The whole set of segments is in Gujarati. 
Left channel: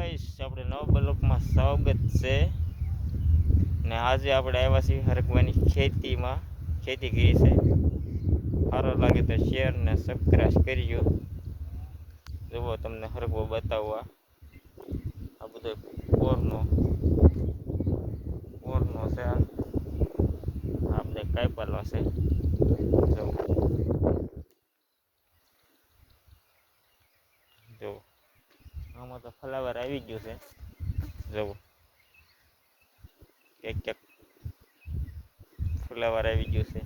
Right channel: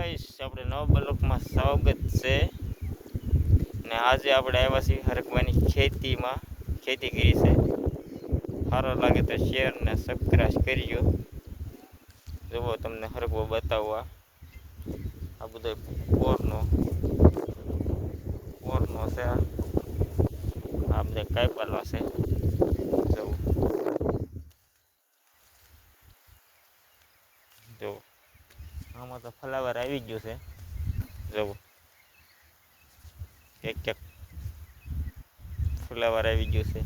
ગાઈસ, આપણે નવા બ્લોકમાં સ્વાગત છે ને આજે આપણે આવ્યા છીએ હરકવાની ખેતીમાં. ખેતી કરી છે. સારો લાગે તો શેર ને સબસ્ક્રાઇબ કરજો. જુઓ તમને હરકવો બતાવવા. આ બધો પોરનો છે. આ બધા કાપેલા છે. જુઓ આમાં તો ફ્લાવર આવી ગયું છે. જુઓ એક ફ્લાવર આવી ગયું છે.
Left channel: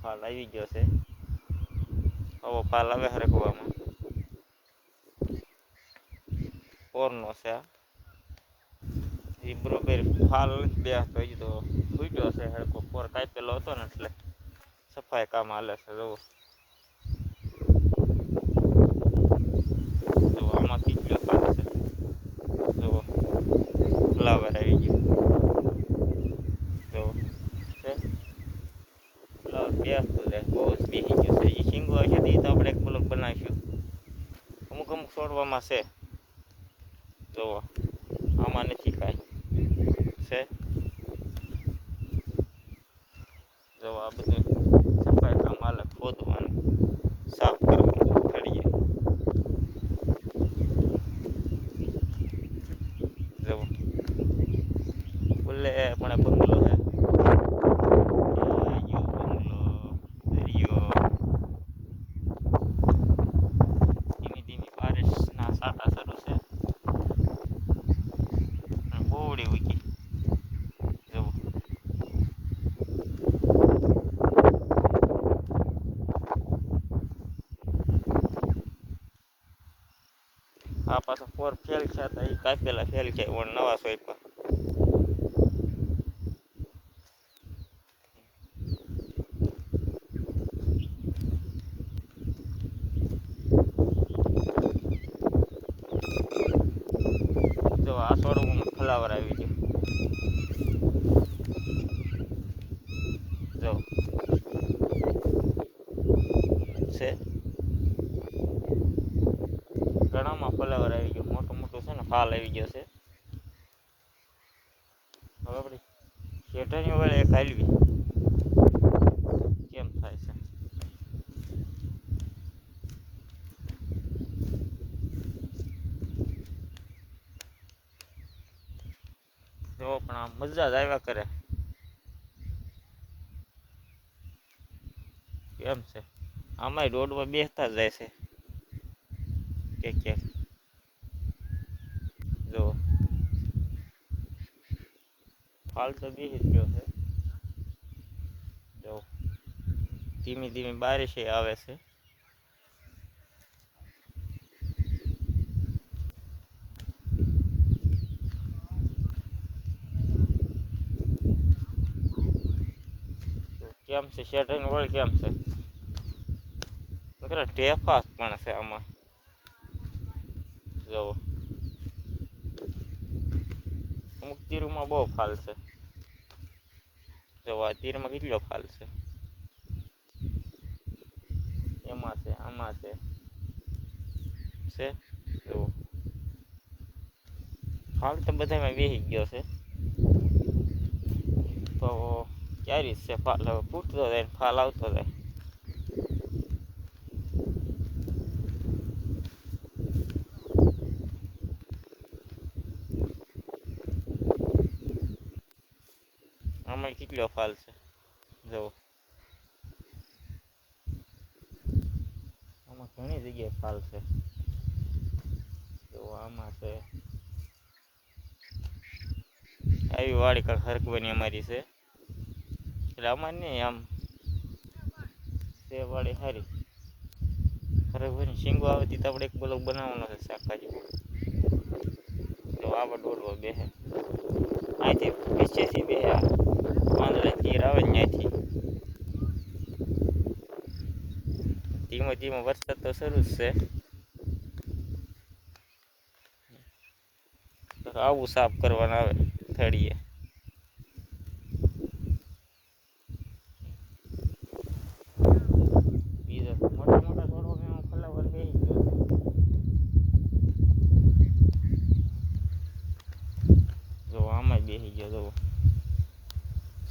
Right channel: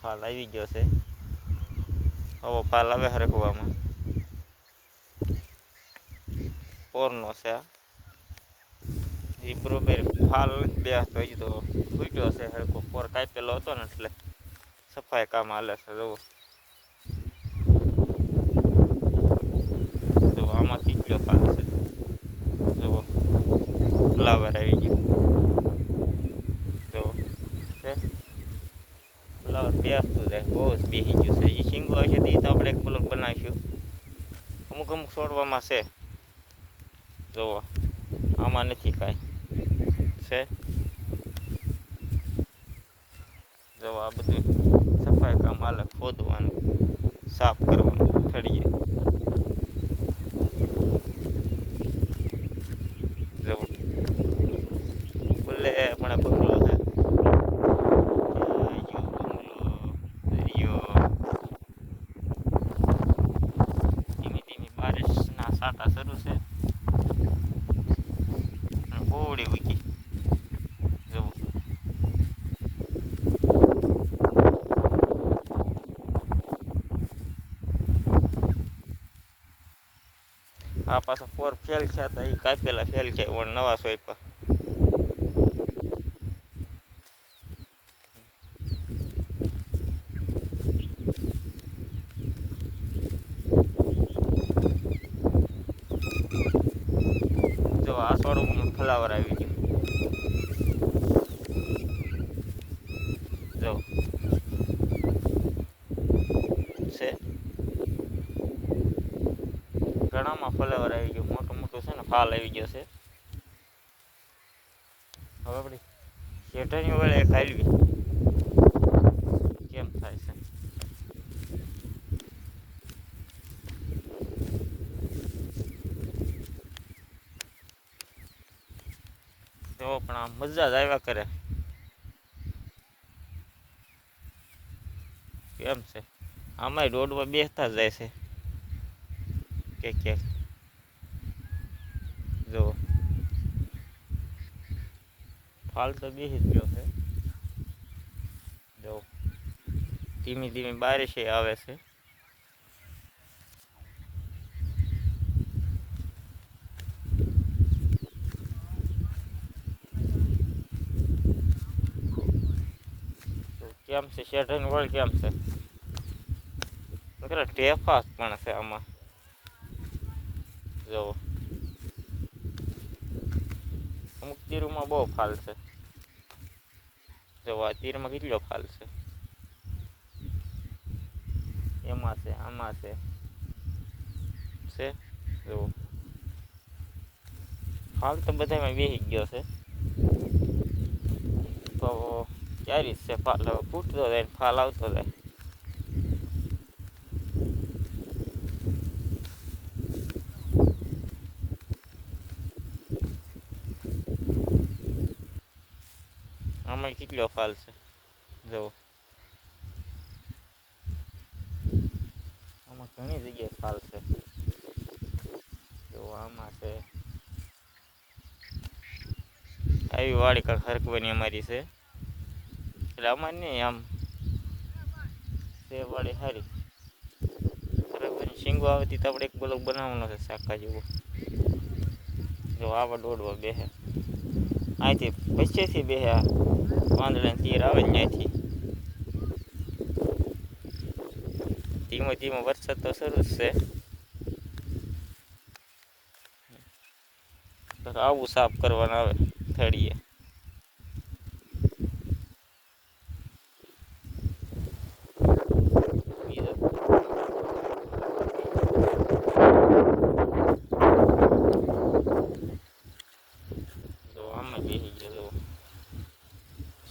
ફાલ આવી ગયો છે. આવો ફાલ આવે હરકવામાં. પોરનો છે. એ બરોબર ફાલ બે તો ફૂટ્યો છે. હરકો પોર કાપેલો હતો ને એટલે સફાઈ કામ હાલે છે. જુઓ આમાં કેટલો ફાલ છે. જુઓ ફ્લાવર આવી ગયું. જુઓ છે ફ્લાવર બેસતું જાય. બહુ જ બેસી ગયું છે. એ શીંગો હશે તો એ તો આપણે એક બ્લોક બનાવીશું. અમુક છોડવામાં છે. જુઓ આમાં નથી કાંઈ છે. જો આ બધું સફાઈ કામ હાલે. ખોદવાનું, સાફ કરવાનું થળીએ. જો બોલે પણ બંગલો છે. ધીમી ધીમી બારિશના સાટા શરૂ છે. બોવડી ઉગી. જુઓ આ પાછો પોર ફેલ છે. તો એ કાપેલા ફેલ છે. નવા સોંપ્યા. જો આ છોડમાં ફ્લાવર આવી ગયું. જો છે ઘણામાં ફ્લાવર આવી ગયો. મોટું મોટું છે ને ફાલ આવી ગયો છે. હવે આપણે શેઠાની વડે ખાલવી કેમ થાય છે. જો પણ આ મજા જ આવ્યા કરે. કેમ છે આમાંય રોડમાં બેસતા જ જાય છે ક્યાંક. જો ફાલ તો બેસી જ ગયો છે. જો ધીમી ધીમી બારિશ આવે છે. કેમ છે શેઠાની વળ કેમ છે. ટેફાસ પણ છે આમાં. જુઓ અમુક તીરમાં બહુ ફાલ છે. જો આ તીરમાં કેટલો ફાલ છે. એમાં છે, આમાં છે. જુઓ ફાલ તો બધામાં બેસી ગયો છે. તો ક્યારે છે ફાલ. હવે ફૂટતો જાય ને ફાલ આવતો જાય. આમાં કેટલો ફાલ છે. જુઓ આમાં ઘણી જગ્યાએ ફાલ છે. જો આમાં છે. આવી વાડી કાંક હરકવાની અમારી છે. એટલે અમારે નહીં આમ છે વાડી સારી. હરકવાની શીંગો આવતી તો આપણે એક બ્લોક બનાવવાનો છે શાકા જેવો. જો આવા દોડવા બેસે. અહીંથી પીછેથી બેસે. પાંદડાની તીર આવે ને ત્યાંથી. ધીમો ધીમો વરસાદ તો શરૂ જ છે. આવું સાફ કરવાનું આવે થળીએ.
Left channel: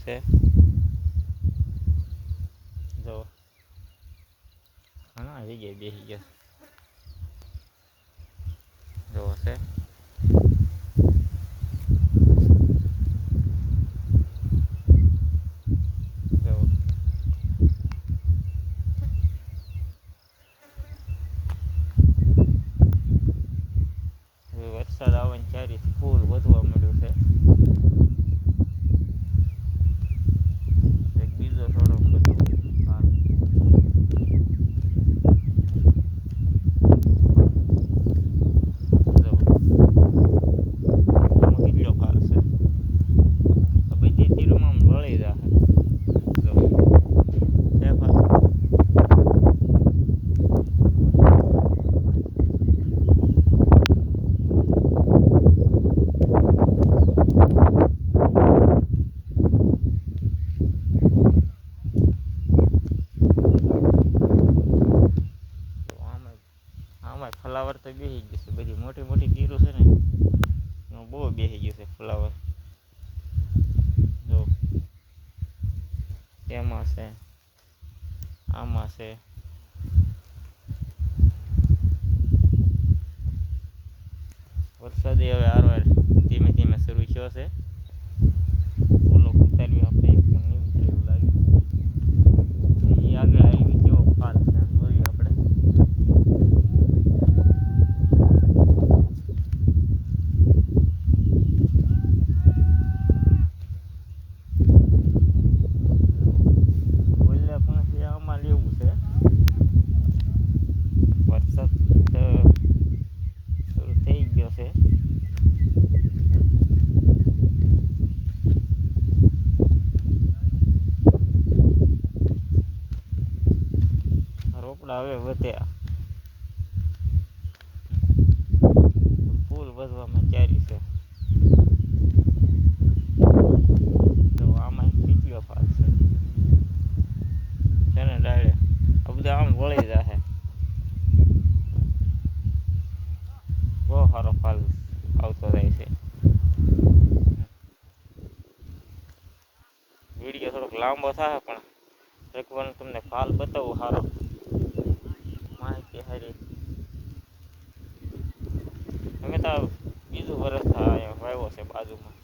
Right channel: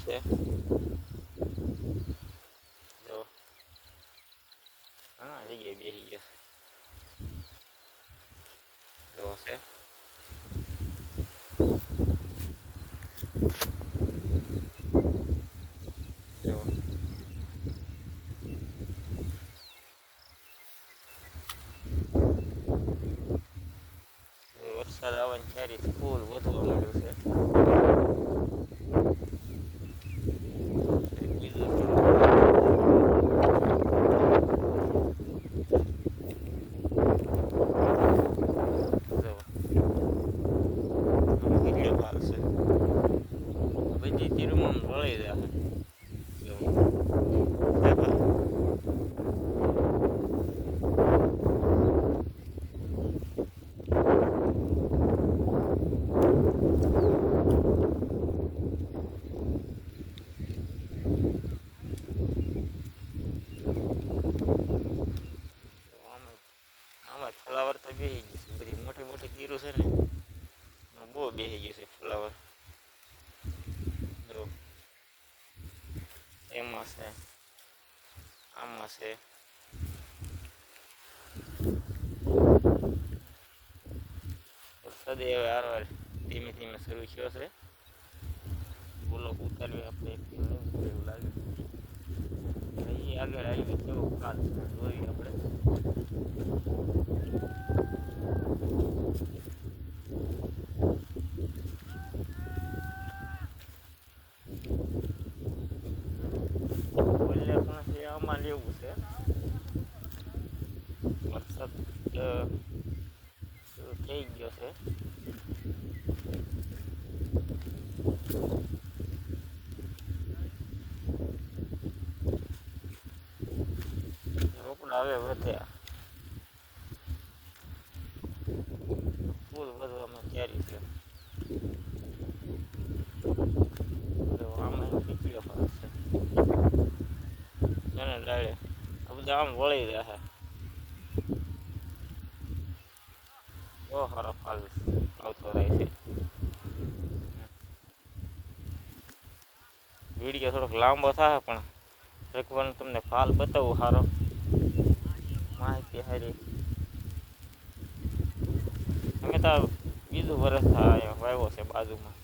છે જો હા જગ્યાએ બેસી ગયો જો છે જો વરસાદ આવવાની ચારી ફૂલ વધવા માંડ્યું છે એક બીજો થોડો જો કેટલો ફાલ છે બધી તીરમાં વળી જાય જો છે ફાલ આમાં ફ્લાવર તો બેસી ગયું છે બધી મોટી મોટી તીરો છે ને બહુ બેસી ગયું છે ફ્લાવર જો એમાં છે આમાં છે વરસાદ હવે હારવાર ધીમે ધીમે શરૂ થયો છે બોલો ઉતારવી આપણે એક નહીં ઉતરે એવું લાગે એ આગળ આવી કેવો ફાલ છે જોઈ આપણે બોલે પણ આમાં લેવું છે વરસાદ શરૂ થઈ ગયો છે રોપડા હવે વધ્યા ફૂલ વધવામાં ચારી છે તો આમાં પીચીઓ ફાલ છે ને ડાળે આ બધા આમ વળી જશે બહુ સારો ફાલ આવતો જાય છે વિડીયો થોડોક લાંબો થાય પણ એકવાર તમને ફાલ બતાવું સારો માહિતી સારી અમે તો બીજું વર્ષ થાય વાવ્યો છે બાજુમાં